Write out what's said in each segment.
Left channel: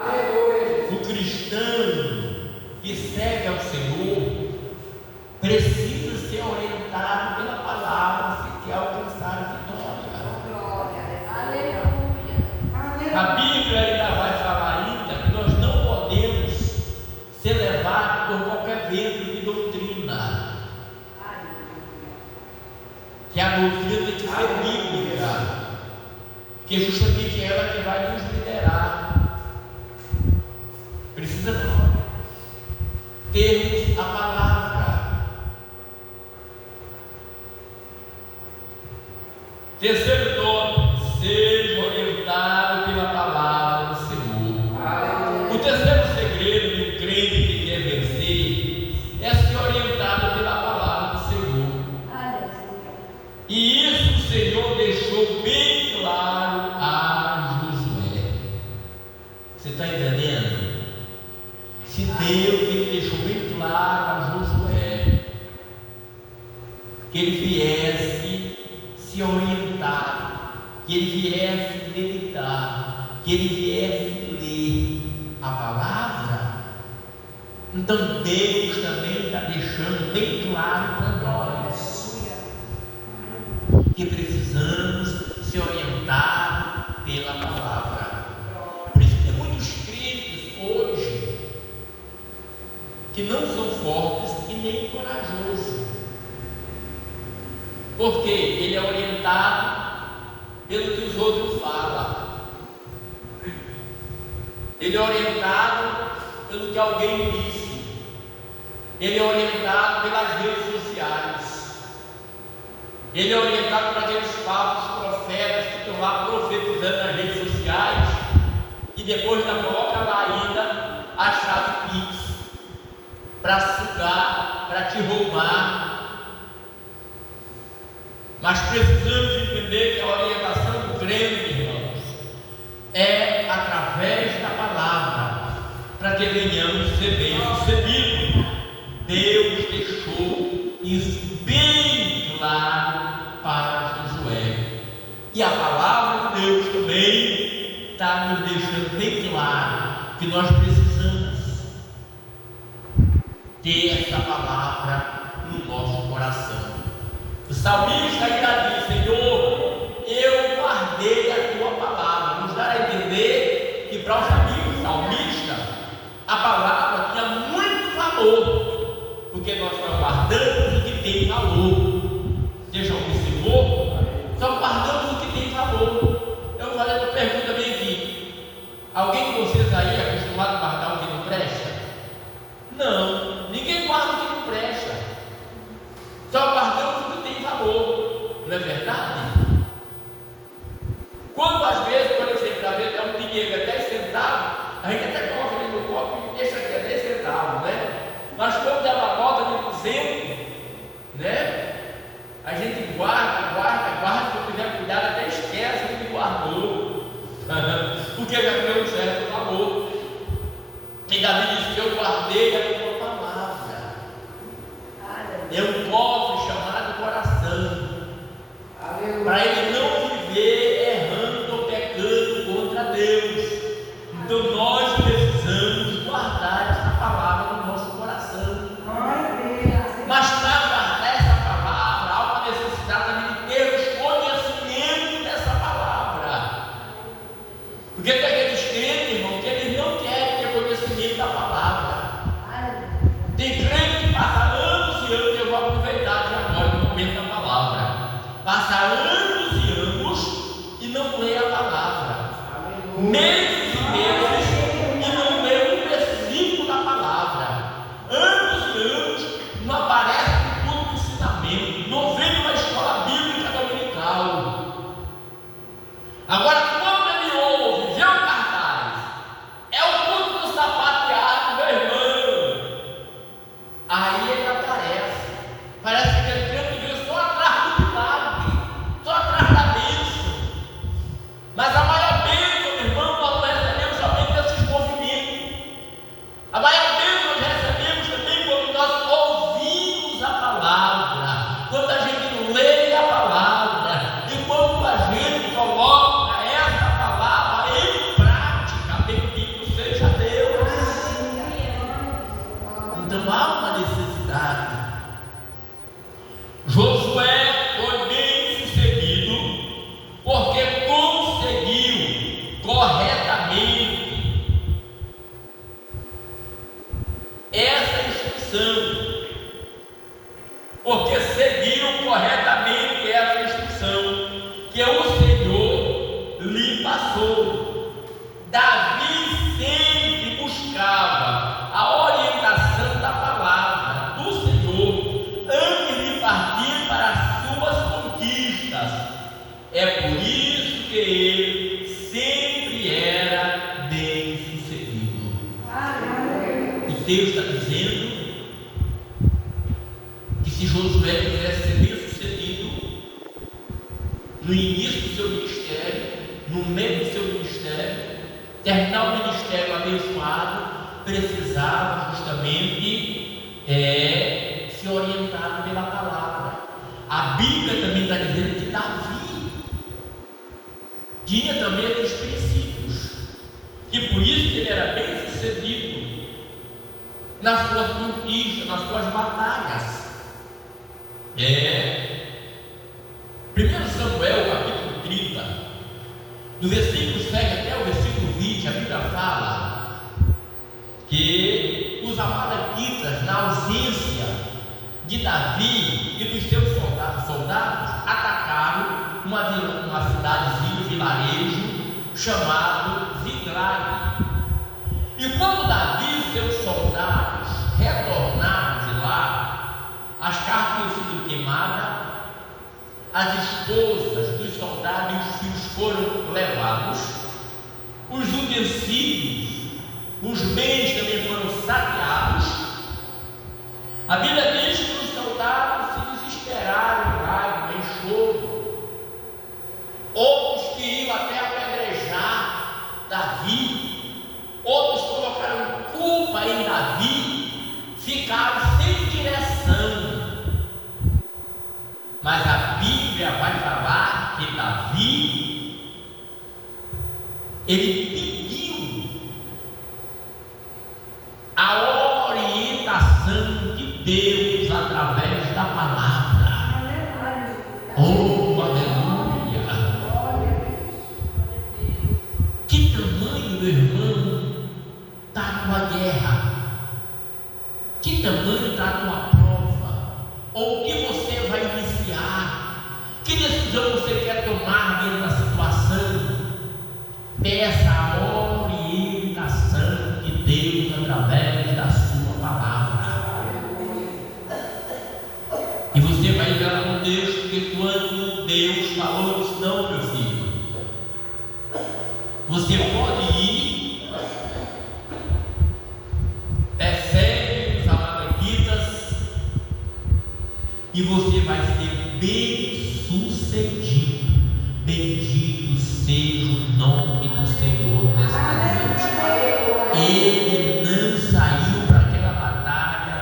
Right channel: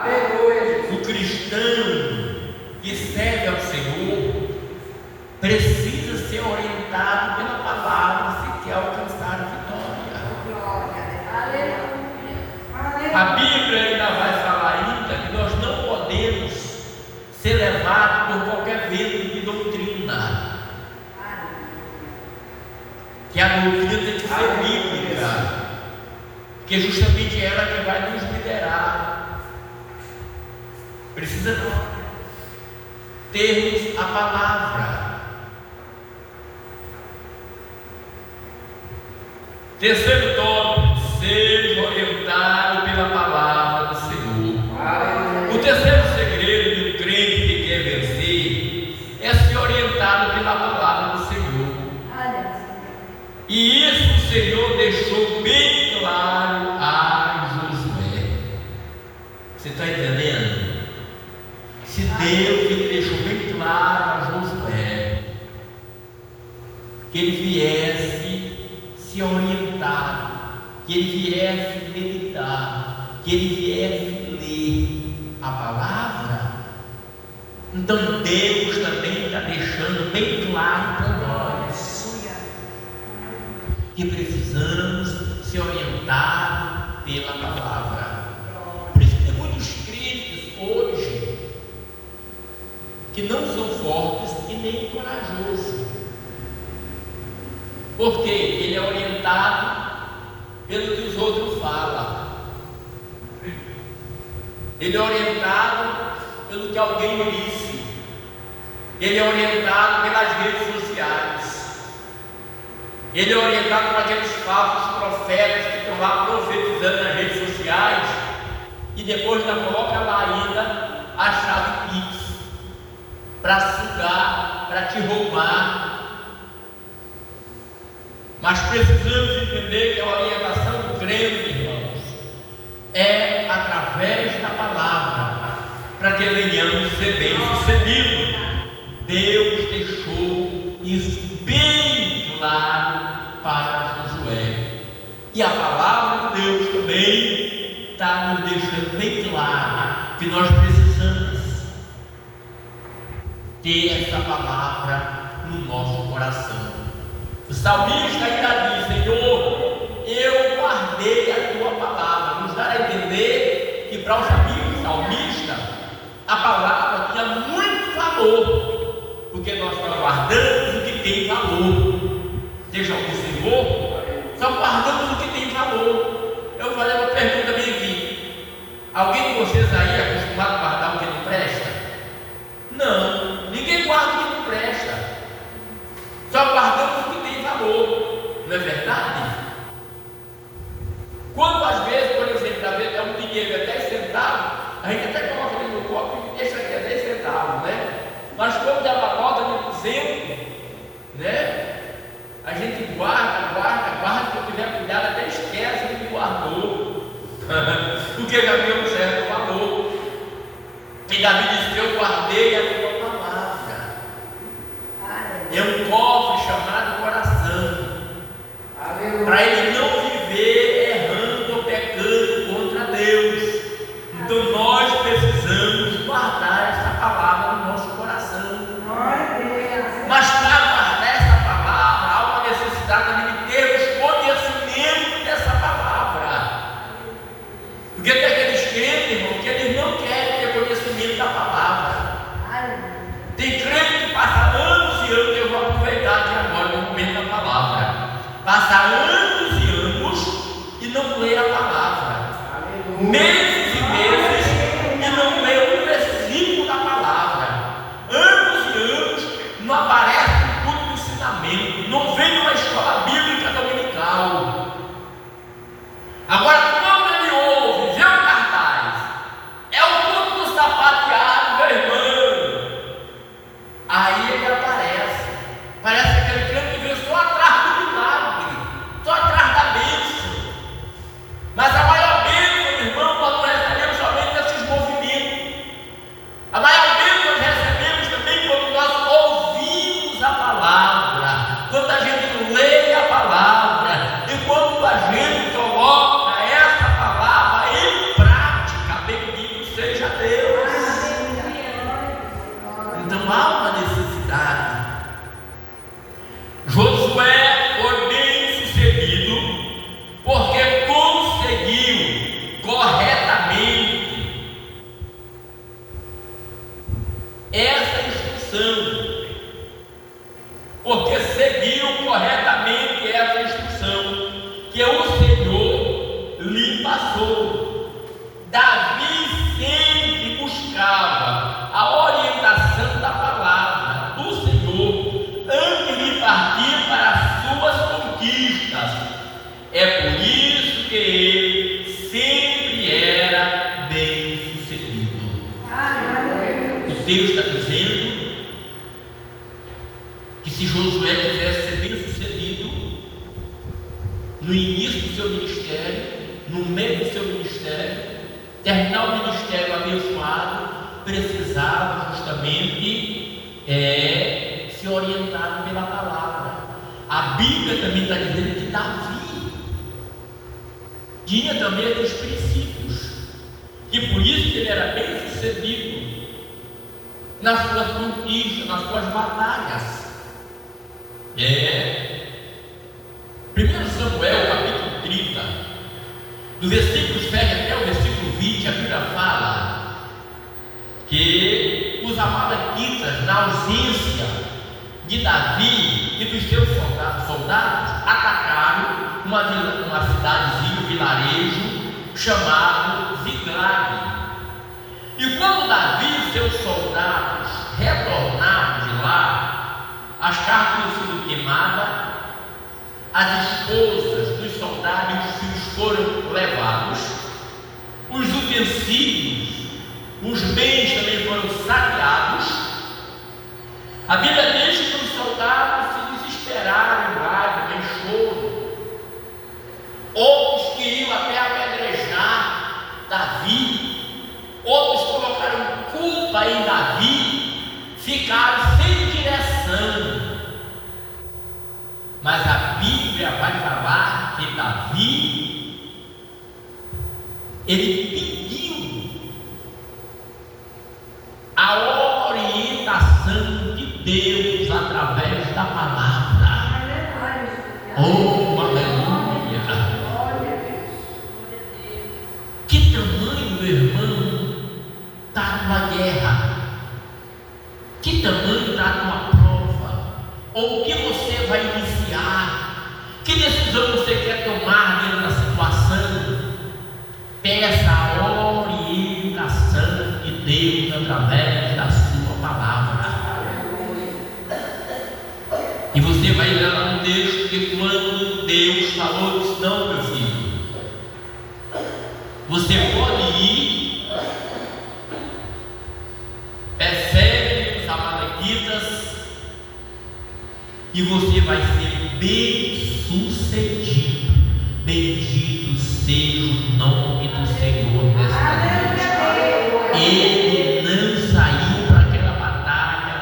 O cristão que serve ao Senhor precisa ser orientado pela palavra se quer alcançar a vitória. A Bíblia ainda vai falar ainda que nós não podemos ser levados por qualquer vento de doutrina, que a doutrina tem que ser bíblica, que é justamente ela que vai nos liderar. Precisa termos a palavra. Terceiro tópico: seja orientado pela palavra do Senhor. O terceiro segredo de um crente que quer vencer é ser orientado pela palavra do Senhor. E isso o Senhor deixou bem claro a Josué. Você está entendendo? Se Deus ele deixou bem claro a Josué que ele viesse se orientar, que ele viesse meditar, que ele viesse ler a palavra. Então Deus também está deixando bem claro para nós que precisamos ser orientados pela palavra. Por isso tem muitos crentes hoje que não são fortes e nem corajosos, porque ele é orientado pelo que os outros falam, ele é orientado pelo que alguém disse, ele é orientado pelas redes sociais, ele é orientado por aqueles falsos profetas que estão lá profetizando nas redes sociais e depois ainda coloca lá ainda a chave Pix para sugar, para te roubar. Mas precisamos entender que a orientação do crente, irmãos, é através da palavra, para que venhamos ser bem-sucedidos. Deus deixou isso bem claro para Josué, e a palavra de Deus também está nos deixando bem claro que nós precisamos ter essa palavra no nosso coração. O salmista ainda diz: Senhor, eu guardei a tua palavra. Nos dá a entender que para o salmista a palavra tinha muito valor, porque nós só guardamos o que tem valor. Você já observou? Só guardamos o que tem valor. Eu vou fazer uma pergunta bem aqui: alguém de vocês aí é acostumado a guardar o que não presta? Não, ninguém guarda o que não presta, só guardamos o que tem valor, não é verdade? Quando às vezes, por exemplo, às vezes dá um dinheiro a 10 centavos, a gente até coloca ali no copo e deixa aqui a 10 centavos, né? Mas quando dá uma nota de 200, né? A gente guarda, se eu quiser cuidar, até esquece que guardou, porque já deu um certo valor. E Davi disse: eu guardei a tua palavra. É um cofre chamado coração, para ele não viver errando ou pecando contra Deus. Então nós precisamos guardar essa palavra no nosso coração. Mas para guardar essa palavra há uma necessidade de termos conhecimento dessa palavra, porque tem aqueles crentes, irmão, que eles não querem ter conhecimento da palavra. Tem crente que passa anos e anos, eu vou aproveitar aqui agora o momento da palavra, passa anos e anos e não lê a palavra, meses e meses e não lê um versículo da palavra, anos e anos não aparece no culto de ensinamento, não vem numa escola bíblica dominical. Agora, quando ele ouve, vê o cartaz, é o culto do sapateado, meu irmão, aí ele aparece. Parece aquele crente que veio só atrás do milagre, só atrás da bênção. Mas a maior bênção, meu irmão, quando temente a Deus. Então há uma necessidade. Josué foi bem sucedido porque conseguiu corretamente essa instrução, porque seguiu corretamente essa instrução que o Senhor lhe passou. Davi sempre buscava a orientação da palavra do Senhor antes de partir para as suas conquistas. É por isso que ele sempre era bem sucedido. E Deus está dizendo que se Josué tivesse sido bem sucedido no início do seu ministério, no meio do seu ministério, terminar o ministério abençoado, precisava justamente ser orientado pela palavra. A Bíblia também está dizendo que Davi tinha também esses princípios, e por isso que ele era bem sucedido nas suas conquistas, nas suas batalhas. 1 Samuel capítulo 30, do versículo 7 até o versículo 20, a Bíblia fala que os amalequitas, na ausência de Davi e dos seus soldados, atacaram uma cidadezinha, um vilarejo chamado Ziklag. E quando Davi e seus soldados retornaram de lá, as cartas tinham sido queimadas, as esposas dos soldados e os filhos foram levados, os utensílios, os bens também foram saqueados. A Bíblia diz que os soldados se desesperaram em lágrimas, em choro. Outros queriam até apedrejar Davi, outros colocaram culpa em Davi, ficaram sem direção. Mas a Bíblia vai falar que Davi, ele pediu a orientação de Deus através da palavra. Oh, aleluia! Que tamanho, meu irmão, está numa guerra? Que tamanho está numa prova? Ou o que você vai iniciar? Que decisão você quer tomar dentro da situação? Peça a orientação de Deus através da sua palavra. E você vai ler lá no texto que quando Deus falou, disse: não, meu filho, você pode ir, persegue os amalequitas, e você vai ser bem sucedido. Bendito seja o nome do Senhor nesta noite. Ele não saiu para aquela batalha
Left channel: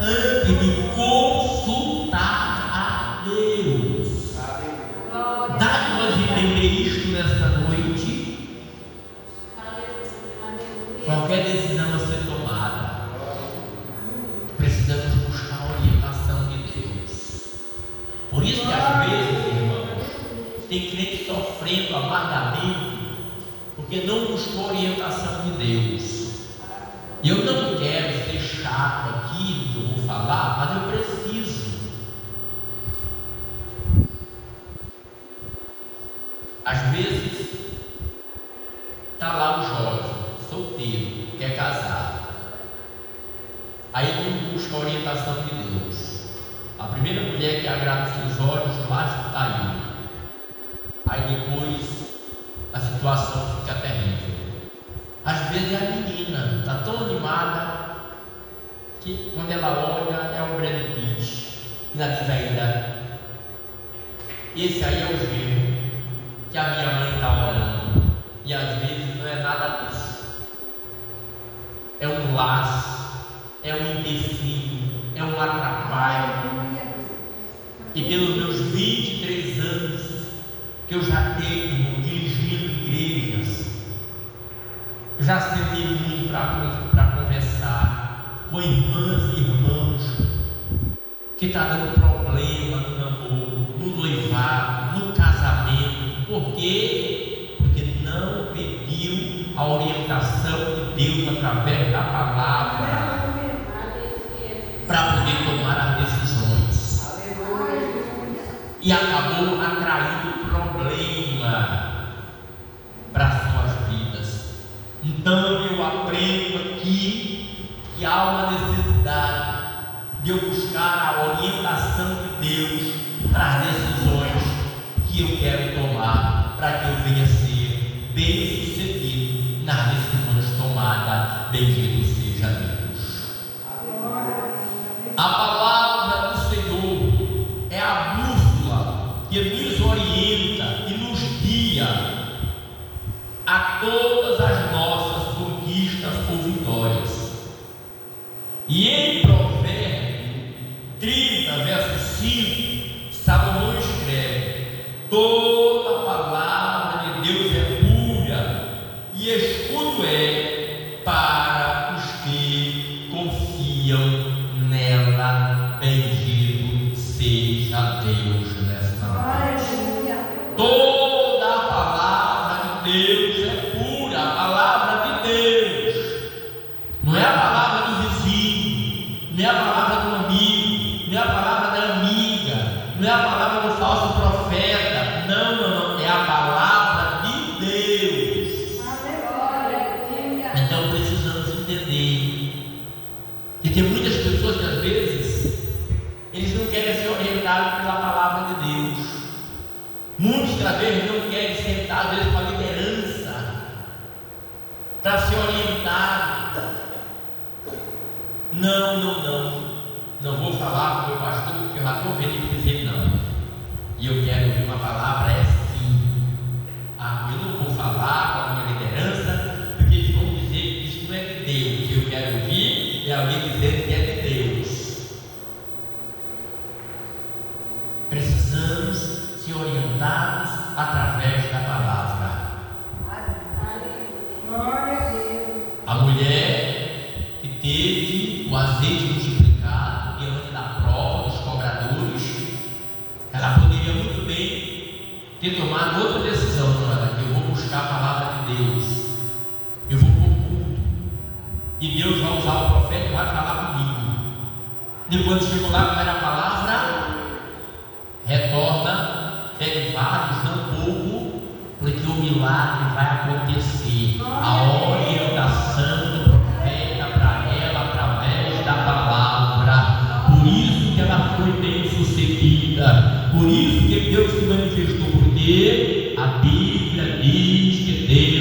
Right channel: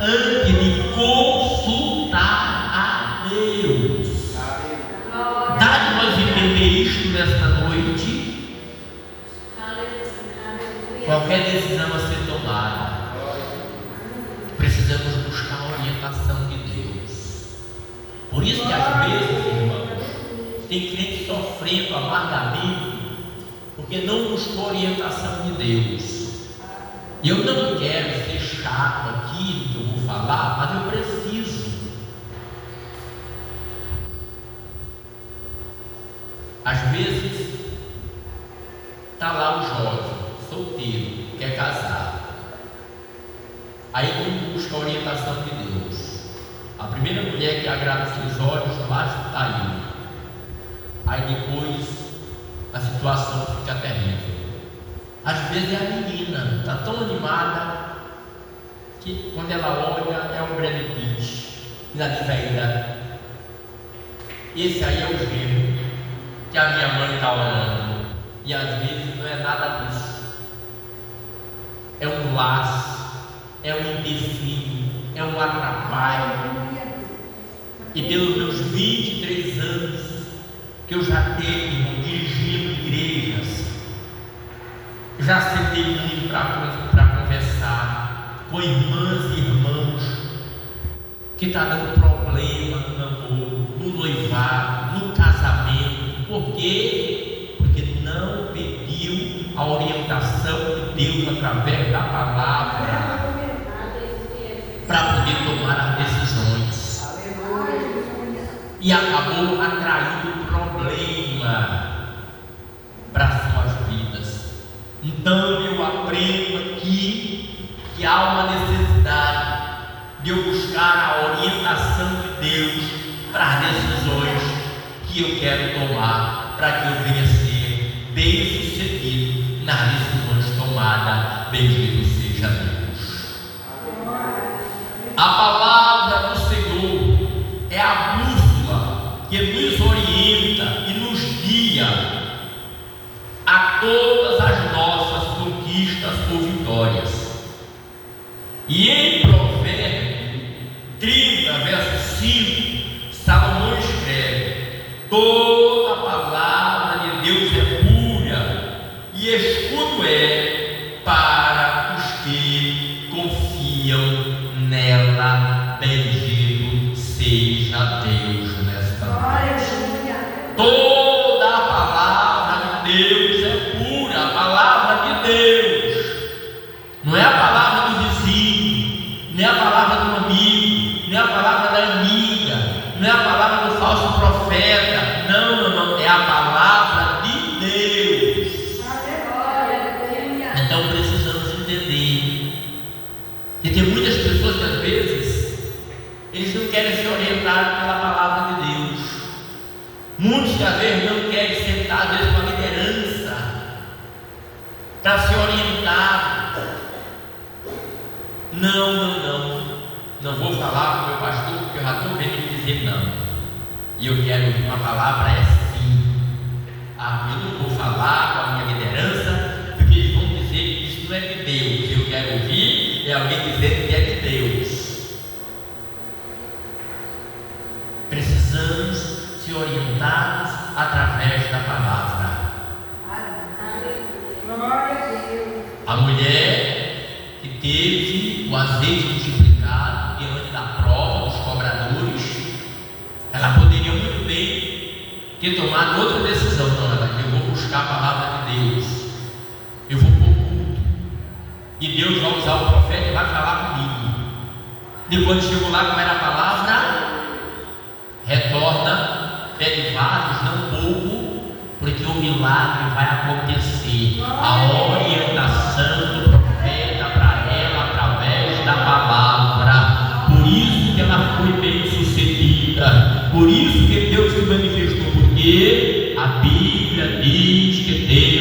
antes de consultar a Deus. Dá-me nós entender isto nesta noite. Qualquer decisão a ser tomada, precisamos buscar a orientação de Deus. Por isso que às vezes, irmãos, tem crente sofrendo amargamente porque não buscou a orientação de Deus. E eu não quero ser chato aqui que eu vou falar, mas eu preciso. Às vezes está lá o jovem, solteiro, quer casar. Aí ele busca a orientação de Deus. A primeira mulher que agrada os seus olhos, basta está indo. Aí depois a situação fica terrível. Às vezes a menina está tão animada que quando ela olha é um Brad Pitt. E ela diz ainda: esse aí é o genro que a minha mãe está orando. E às vezes não é nada disso. É um laço, é um empecilho, é um atrapalho. E pelos meus 23 anos que eu já tenho dirigindo igrejas, já sentei muito para conversar com irmãs e irmãos que está dando problema no namoro, no noivado, no casamento. Por quê? Porque não pediu a orientação de Deus através da palavra para poder tomar as decisões. E acabou atraindo problema para suas vidas. Então eu aprendo aqui que há uma necessidade de eu buscar a orientação de Deus para as decisões que eu quero tomar, para que eu venha ser bem sucedido nas decisões tomadas. Bendito seja Deus. A palavra do Senhor é a bússola que nos orienta e nos guia a todas as nossas conquistas ou vitórias. E em Provérbios 30, verso 5, Salomão escreve: toda a palavra de Deus é pura e escudo é para os que confiam nela. Bendito seja Deus nesta noite. Toda a palavra de Deus é pura, a palavra de Deus. Não é a palavra do vizinho, não é a palavra do amigo, não é a palavra da amiga, não é a palavra do falso profeta. Não, não, não. É a palavra de Deus. Então precisamos entender que tem muitas pessoas que às vezes eles não querem ser orientados pela palavra de Deus. Muitos às vezes não querem sentar às vezes com a liderança para ser orientado. Não vou falar com o meu pastor porque eu já estou vendo ele dizer não. E eu quero ouvir uma palavra sim. Eu não vou falar com a minha liderança porque eles vão dizer que isso não é de Deus. Eu quero ouvir alguém dizendo que é de Deus. Precisamos ser orientados através da palavra. A mulher que teve o azeite multiplicado diante da prova dos cobradores, ela poderia muito bem ter tomado outra decisão. Não, eu vou buscar a palavra de Deus, eu vou para o culto e Deus vai usar o profeta e vai falar comigo. Depois chegou lá, como era a palavra, retorna, pede vasos, não pouco, porque o milagre vai acontecer. A orientação do profeta para ela através da palavra. Por isso que ela foi bem sucedida. Por isso que Deus se manifestou, porque a Bíblia diz que Deus